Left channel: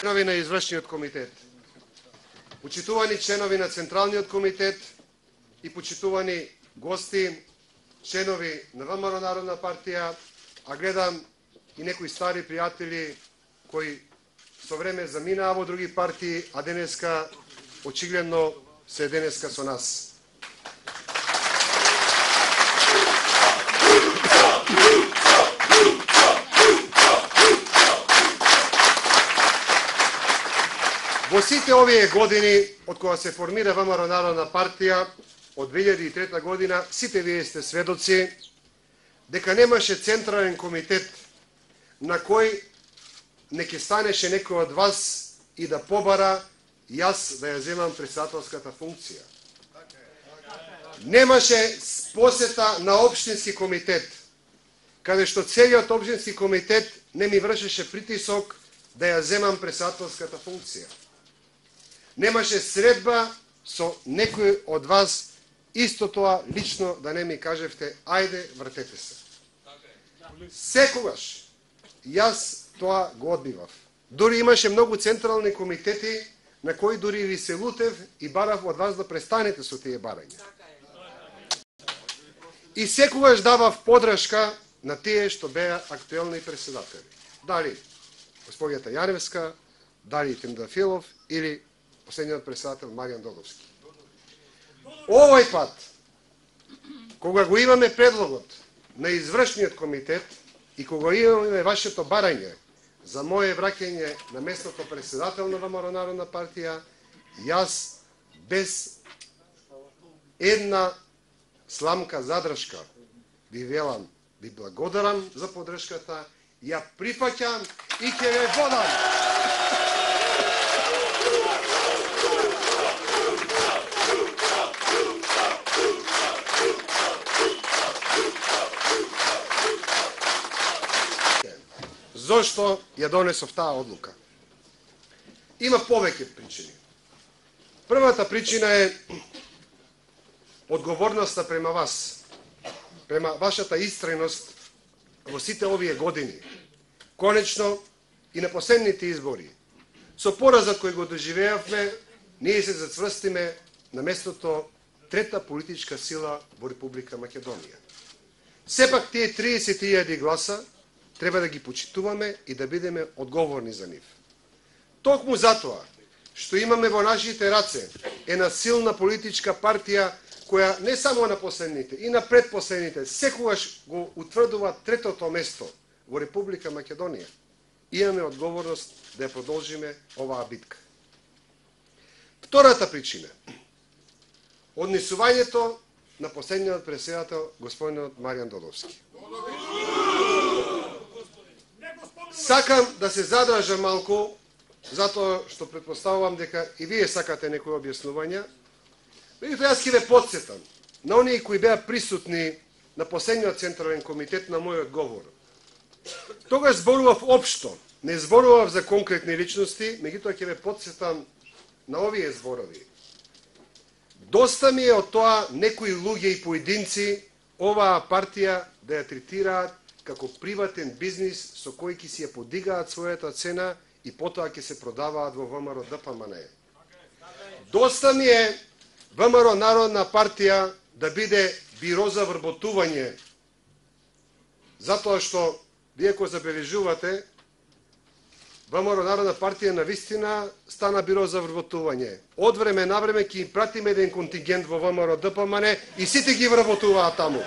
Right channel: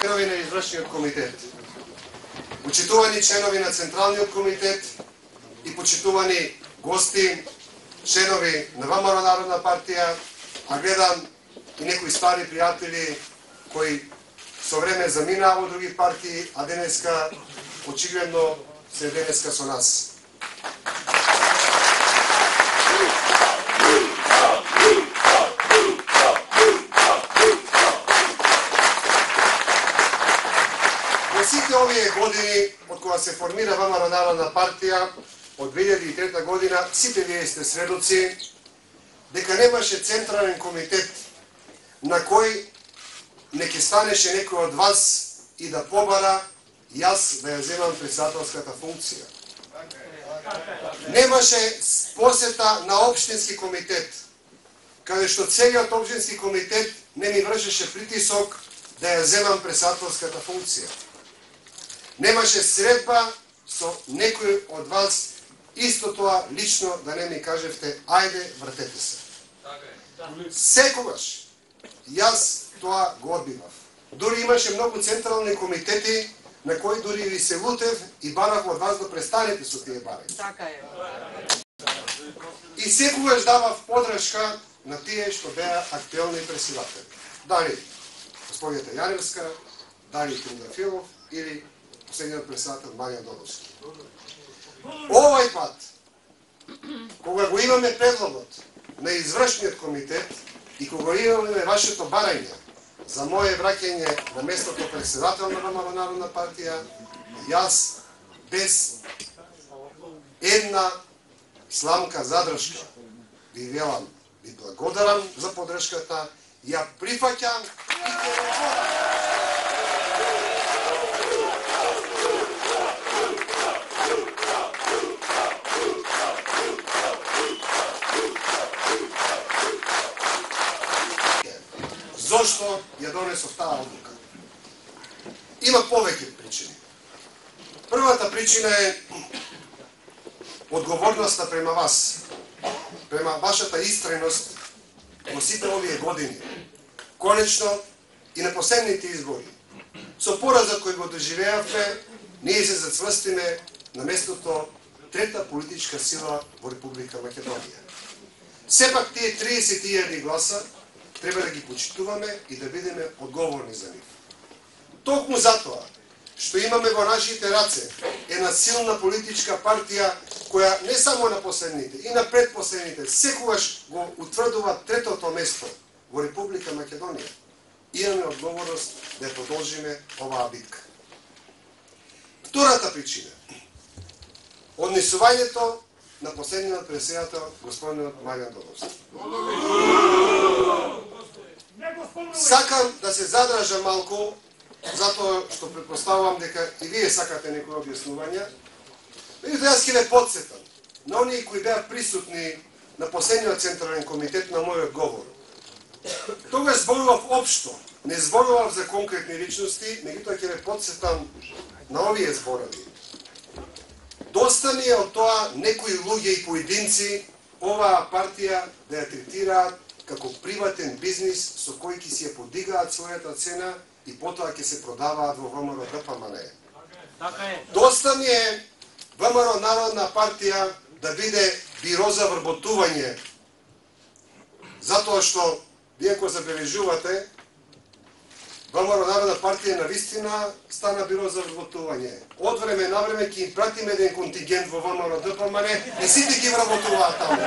Членови на извршниот комитет, почитувани членови на Централниот комитет и почитувани гости, членови на ВМРО Народна партија, а гледам и некои стари пријатели кои со време заминаа во други партии, а денеска очигледно се денеска со нас. Во сите овие години, од кога се формира ВМРО Народна партија, од 2003 година, сите вие сте сведоци дека немаше централен комитет на кој не ќе станеше некој од вас и да побара јас да ја земам председателската функција. Немаше посета на општински комитет, каде што целиот општински комитет не ми вршеше притисок да ја земам председателската функција. Немаше средба со некој од вас, исто тоа лично да не ми кажевте, ајде, вратете се. Секогаш јас тоа го одбивав. Дури имаше многу централни комитети на кои дури ви се лутев и барав од вас да престанете со тие барања. И секогаш давав подршка на тие што беа актуелни председатели. Дали господјата Јаревска, дали Тендафилов или последниот председател Маријан Додовски. Овој пат, кога го имаме предлогот на извршниот комитет и кога имаме вашето барање за моје враќање на местото председател на ВМРО Народна партија, јас без една сламка задршка ви велам, ви благодарам за подршката, ја прифаќам и ќе ве водам. Зошто ја донесов таа одлука? Има повеќе причини. Првата причина е одговорноста према вас, према вашата истреност во сите овие години. Конечно и на последните избори, со поразот кој го доживеавме, ние се зацврстиме на местото трета политичка сила во Република Македонија. Сепак тие 30.000 гласа треба да ги почитуваме и да бидеме одговорни за нив. Токму затоа што имаме во нашите раце една силна политичка партија која не само на последните, и на предпоследните секогаш го утврдува третото место во Република Македонија. Имаме одговорност да ја продолжиме оваа битка. Втората причина. Однесувањето на последниот председател господинот Маријан Додовски. Сакам да се задржам малку, затоа што претпоставувам дека и вие сакате некои објаснувања. Меѓутоа јас ќе ве потсетам на оние кои беа присутни на последниот централен комитет на мојот говор. Тогаш зборував општо, не зборував за конкретни личности, меѓутоа ќе ве потсетам на овие зборови. Доста ми е од тоа некои луѓе и поединци оваа партија да ја третираат како приватен бизнис со кој ќе си ја подигаат својата цена и потоа ќе се продаваат во ВМРО ДПМН. Доста ми е ВМРО Народна партија да биде биро за вработување, затоа што вие ако забележувате, ВМРО Народна партија навистина стана биро за вработување. Од време на време ќе им пратиме еден контингент во ВМРО ДПМН и сите ги вработуваат таму.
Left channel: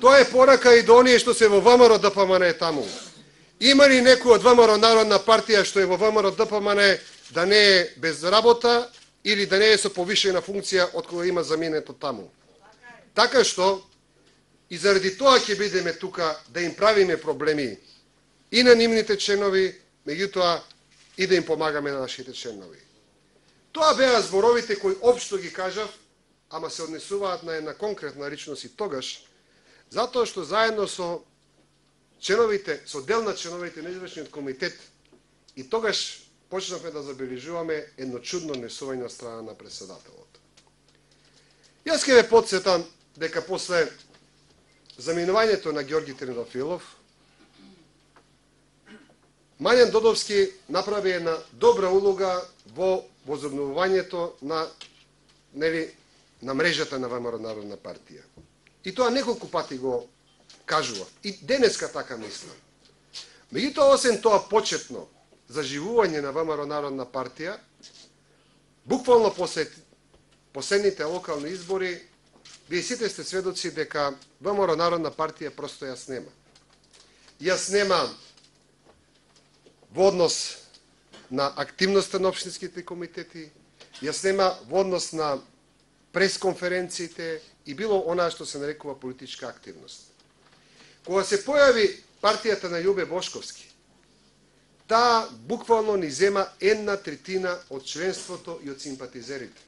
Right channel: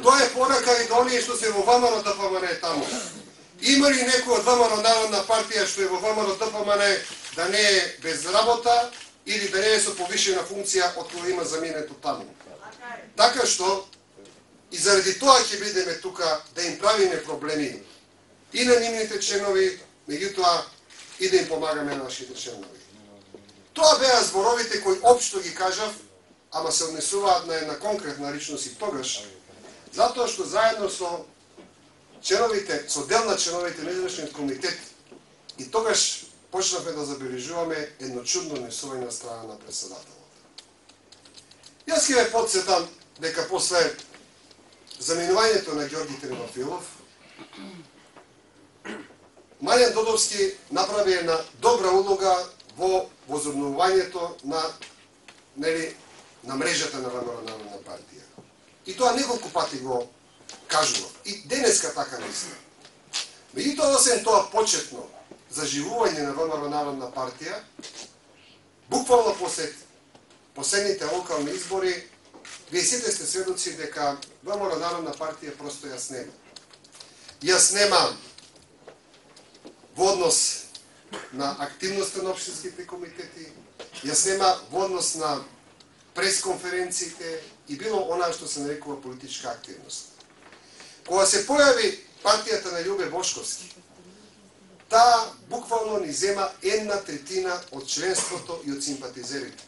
Тоа е порака и до оние што се во ВМРО ДПМН таму. Има ли некој од ВМРО Народна партија што е во ВМРО ДПМН да не е без работа или да не е со повишена функција од која има заминето таму? Така што и заради тоа ќе бидеме тука да им правиме проблеми и на нивните членови, меѓутоа и да им помагаме на нашите членови. Тоа беа зборовите кои општо ги кажав, ама се однесуваат на една конкретна личност и тогаш, затоа што заедно со членовите, со дел на членовите на извршниот комитет, и тогаш почнавме да забележуваме едно чудно однесување од страна на председателот. Јас ќе ве потсетам дека после заминувањето на Ѓорги Тернофилов, Маријан Додовски направи една добра улога во возобновувањето на мрежата на ВМРО Народна партија. И тоа неколку пати го кажував. И денеска така мислам. Меѓутоа, освен тоа почетно заживување на ВМРО Народна партија, буквално последните локални избори, вие сите сте сведоци дека ВМРО Народна партија просто јас нема. Јас нема во однос на активноста на општинските комитети, јас нема во однос на пресконференциите и било она што се нарекува политичка активност. Кога се појави партијата на Љубе Бошковски, таа буквално ни зема 1/3 од членството и од симпатизерите.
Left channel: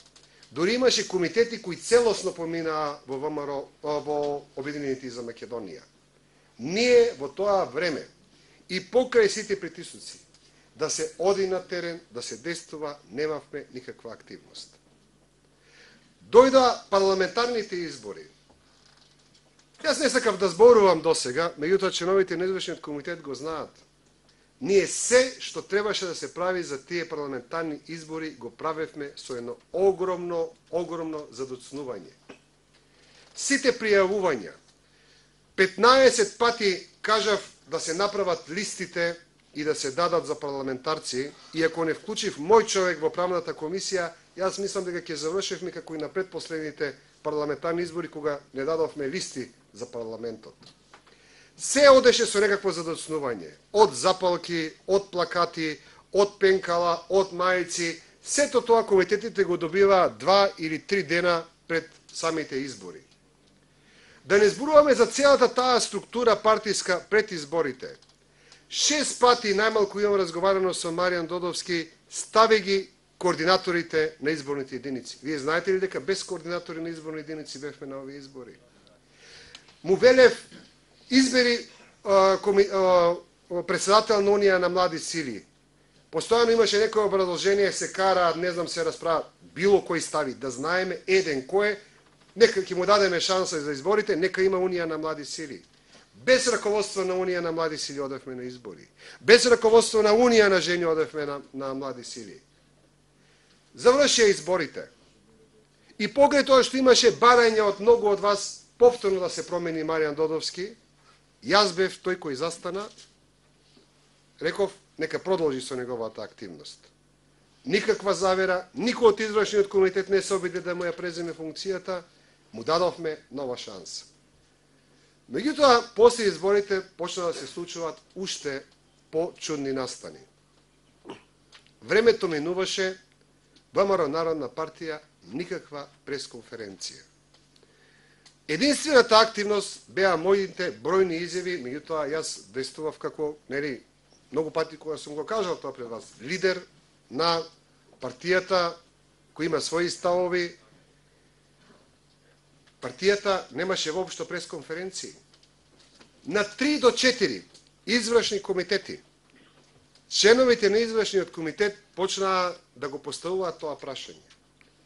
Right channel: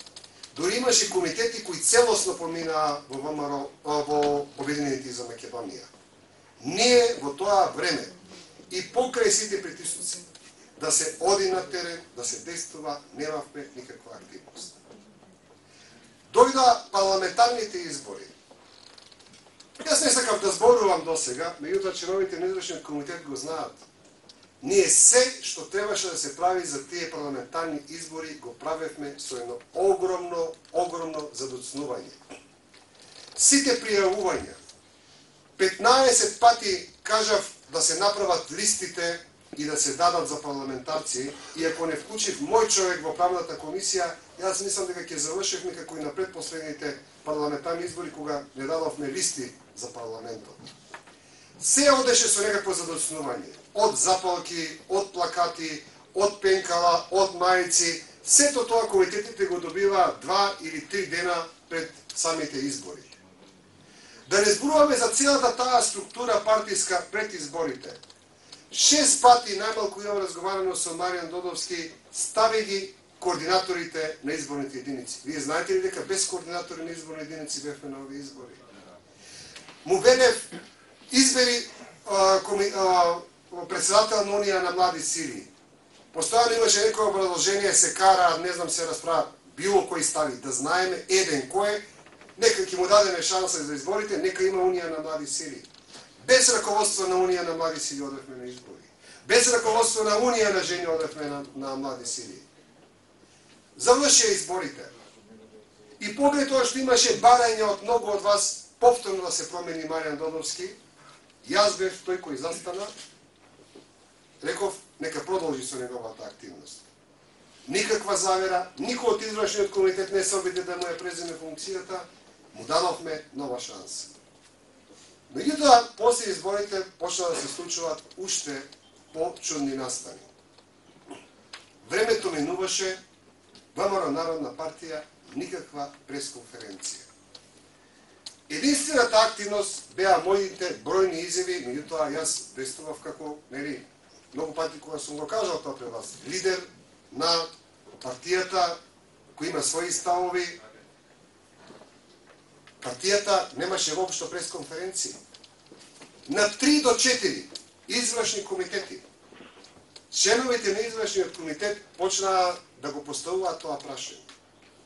Дори имаше комитети кои целосно поминаа во ВМРО, во Обединените за Македонија. Ние во тоа време и покрај сите притисоци да се оди на терен, да се действува, немавме никаква активност. Дојда парламентарните избори. Јас не сакав да зборувам досега, меѓутоа членовите на извршниот комитет го знаат. Ние се што требаше да се прави за тие парламентарни избори го правевме со едно огромно задоцнување. Сите пријавувања, 15 пати кажав да се направат листите и да се дадат за парламентарци, и ако не вклучив мој човек во правната комисија, јас мислам дека ќе завршевме како и на предпоследните парламентарни избори, кога не дадовме листи за парламентот. Се одеше со некакво задоцнување. Од запалки, од плакати, од пенкала, од мајци. Сето тоа комитетите го добиваат 2 или 3 дена пред самите избори. Да не зборуваме за целата таа структура партиска пред изборите. 6 пати најмалку имам разговарано со Маријан Додовски, стави ги координаторите на изборните единици. Вие знаете ли дека без координатори на изборни единици бевме на овие избори? Му велев, избери председател на Унија на млади сили. Постојано имаше некој образложение, се кара, не знам, се расправа, било кој стави, да знаеме еден кој е, нека ќе му дадеме шанса за изборите, нека има Унија на млади сили. Без раководство на Унија на млади сили одевме на избори. Без раководство на Унија на жени одевме на млади сили. Завршија изборите. И поглед тоа што имаше барање од многу од вас повторно да се промени Маријан Додовски, јас бев тој кој застана, реков, нека продолжи со неговата активност. Никаква завера, никој од извршниот комитет не се обиде да му ја преземе функцијата, му дадовме нова шанса. Меѓутоа, после изборите почна да се случуваат уште по-чудни настани. Времето минуваше, ВМРО Народна партија никаква пресконференција. Единствената активност беа моите бројни изјави, меѓутоа јас действував како, многу пати кога сум го кажал тоа пред вас, лидер на партијата кој има своји ставови. Партијата немаше воопшто пресконференции. На 3 до 4 извршни комитети, членовите на извршниот комитет почнаа да го поставуваат тоа прашање.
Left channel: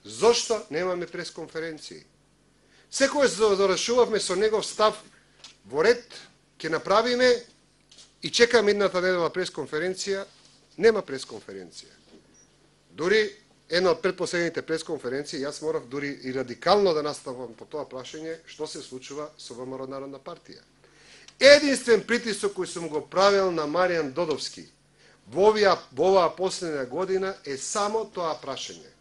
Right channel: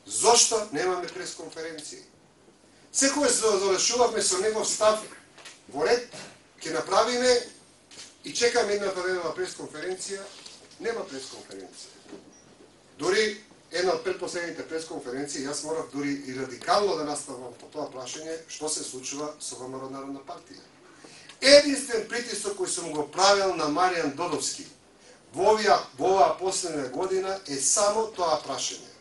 Зошто немаме пресконференции? Секој завршувавме со негов став во ред, ќе направиме и чекаме едната недела пресконференција, нема пресконференција. Дури една од предпоследните пресконференции, јас морав дури и радикално да наставам по тоа прашање, што се случува со ВМРО Народна партија. Единствен притисок кој сум го правил на Маријан Додовски во оваа последна година е само тоа прашање.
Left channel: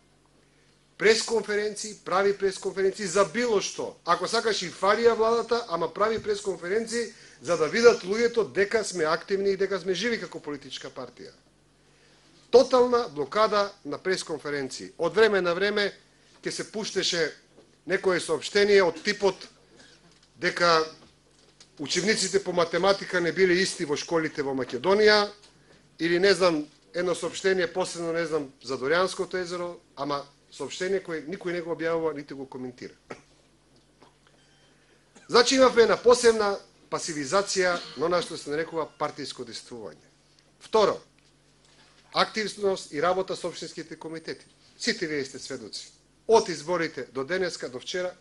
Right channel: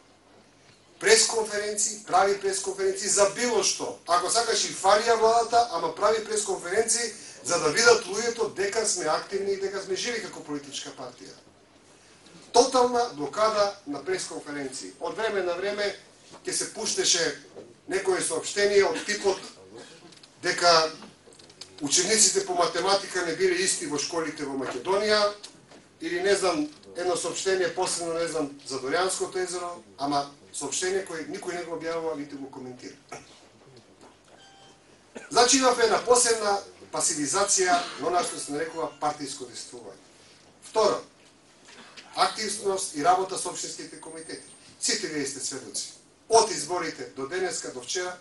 Пресконференции, прави пресконференции за било што. Ако сакаш и фарија владата, ама прави пресконференции за да видат луѓето дека сме активни и дека сме живи како политичка партија. Тотална блокада на пресконференции. Од време на време ќе се пуштеше некое соопштение од типот дека учениците по математика не биле исти во школите во Македонија, или не знам, едно соопштение последно, не знам, за Доријанското езеро, ама соопштение кој никој не го објавува, нити го коментира. Значи имавме една посебна пасивизација на она што се нарекува партиско действување. Второ, активност и работа со општинските комитети. Сите вие сте сведоци. Од изборите до денеска, до вчера,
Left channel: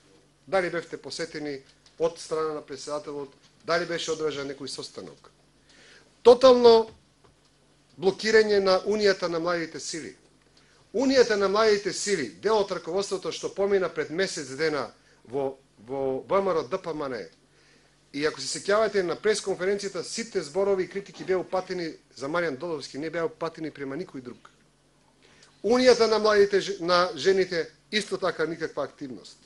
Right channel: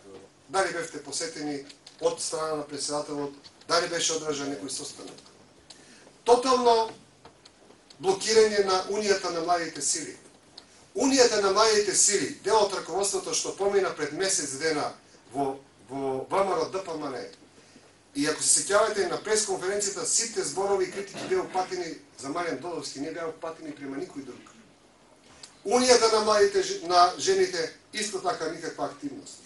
дали бевте посетени од страна на председателот, дали беше одржан некој состанок. Тотално блокирање на Унијата на младите сили. Унијата на младите сили, дел од раководството што помина пред месец дена во ВМРО ДПМН, и ако се сеќавате на пресконференцијата, сите зборови и критики беа упатени за Маријан Додовски, не беа упатени према никој друг. Унијата на младите на жените исто така никаква активност.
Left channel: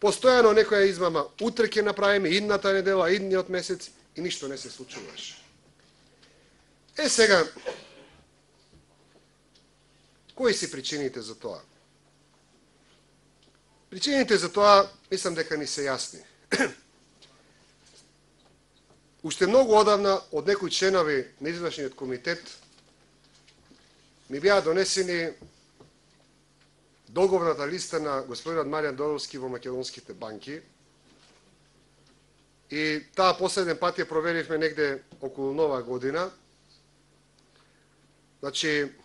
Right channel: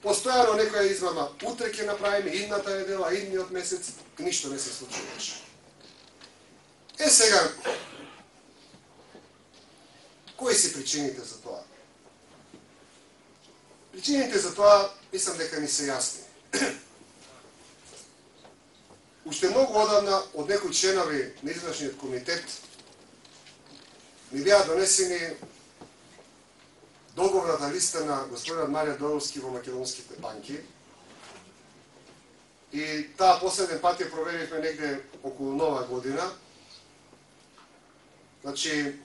Постојано некоја измама, утре ќе направиме, идната недела, идниот месец и ништо не се случуваше. Сега, кои се причините за тоа? Причините за тоа, мислам дека ни се јасни. Уште многу одавна од некои членови на извршниот комитет ми беа донесени договорната листа на господинот Маријан Додовски во македонските банки. И таа последен пат ја проверивме негде околу Нова година. Значи,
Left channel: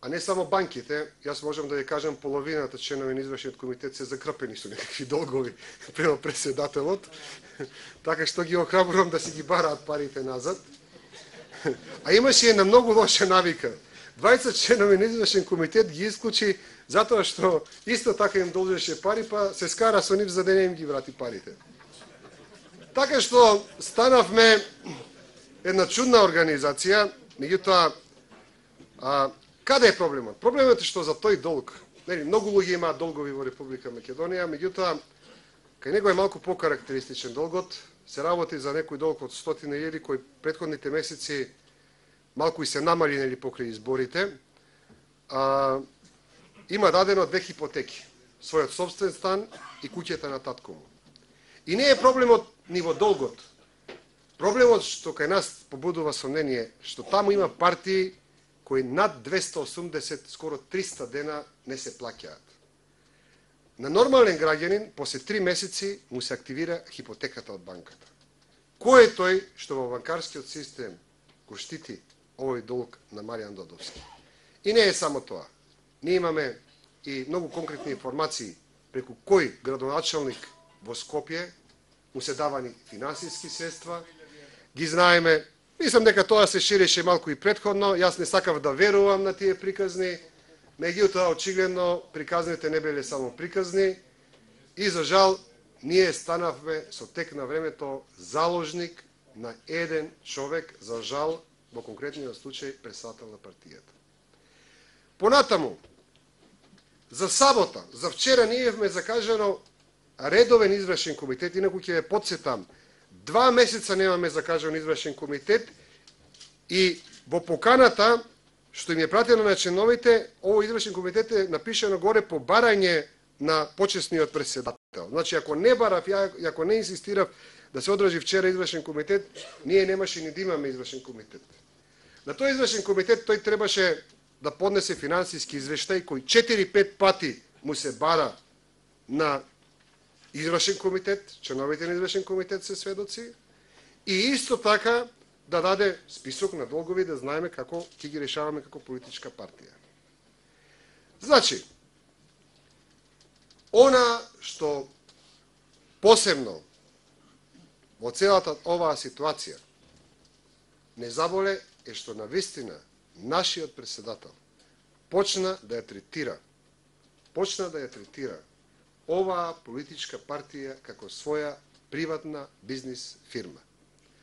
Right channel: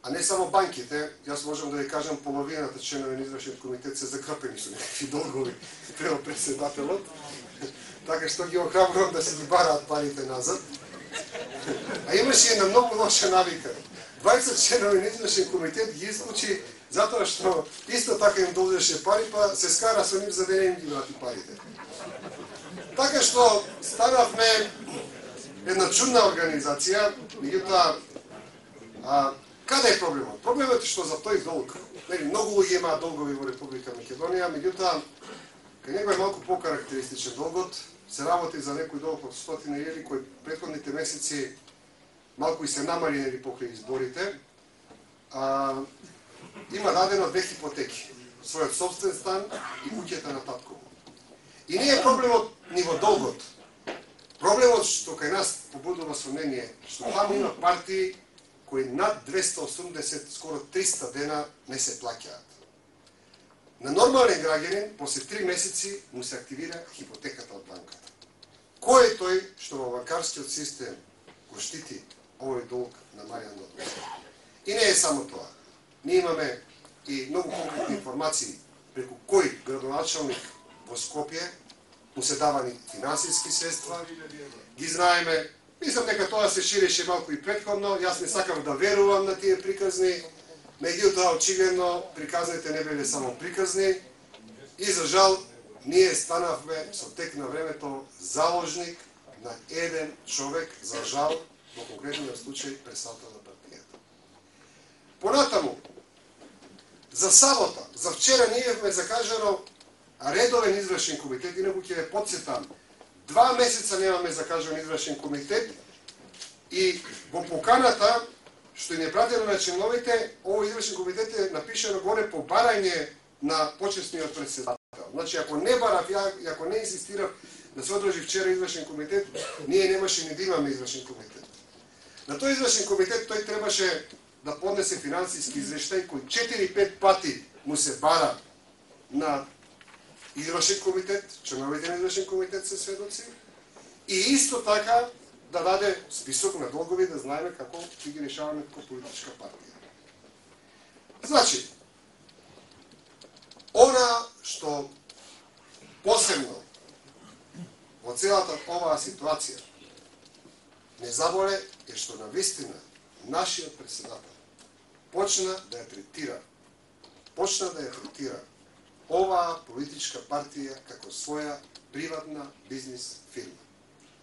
а не само банките, јас можам да ви кажам, половината членови на извршниот комитет се закрпени со некакви долгови према председателот, така што ги охрабрувам да се ги бараат парите назад. А имаше една многу лоша навика. 20 членови на извршен комитет ги исклучи затоа што исто така им должеше пари, па се скара со нив за да не им ги врати парите. Така што станавме една чудна организација, меѓутоа, каде е проблемот? Проблемот е што за тој долг, многу луѓе имаат долгови во Република Македонија, меѓутоа, кај него е малку покарактеристичен долгот, се работи за некој долг од 100.000 кој претходните месеци малку и се намалени покрај изборите. Има дадено 2 хипотеки, својот собствен стан и куќата на татко му. И не е проблемот ни во долгот. Проблемот што кај нас побудува сомнение, што таму има партии кои над 280, скоро 300 дена не се плаќаат. На нормален граѓанин, после 3 месеци, му се активира хипотеката од банката. Кој е тој што во банкарскиот систем го штити овој долг на Маријан Додовски? И не е само тоа. Ние имаме и многу конкретни информации преку кој градоначалник во Скопје му се давани финансиски средства, ги знаеме. Мислам дека тоа се ширеше малку и претходно, јас не сакав да верувам на тие приказни, меѓутоа очигледно приказните не биле само приказни и за жал ние станавме со тек на времето заложник на еден човек, за жал, во конкретниот случај председател на партијата. Понатаму, за сабота, за вчера ние имавме закажано редовен извршен комитет, инаку ќе ве потсетам, 2 месеца немаме закажан извршен комитет и во поканата што им е пратено на членовите, овој извршен комитет е напишено горе по барање на почесниот председател. Значи, ако не барав, ако не инсистирав да се одржи вчера извршен комитет, ние немаше ни да имаме извршен комитет. На тој извршен комитет тој требаше да поднесе финансиски извештај кој 4-5 пати му се бара на извршен комитет, членовите на извршен комитет се сведоци, и исто така да даде список на долгови, да знаеме како ќе ги решаваме како политичка партија. Значи, она што посебно во целата оваа ситуација не заболе е што навистина нашиот председател почна да ја третира оваа политичка партија како своја приватна бизнис фирма.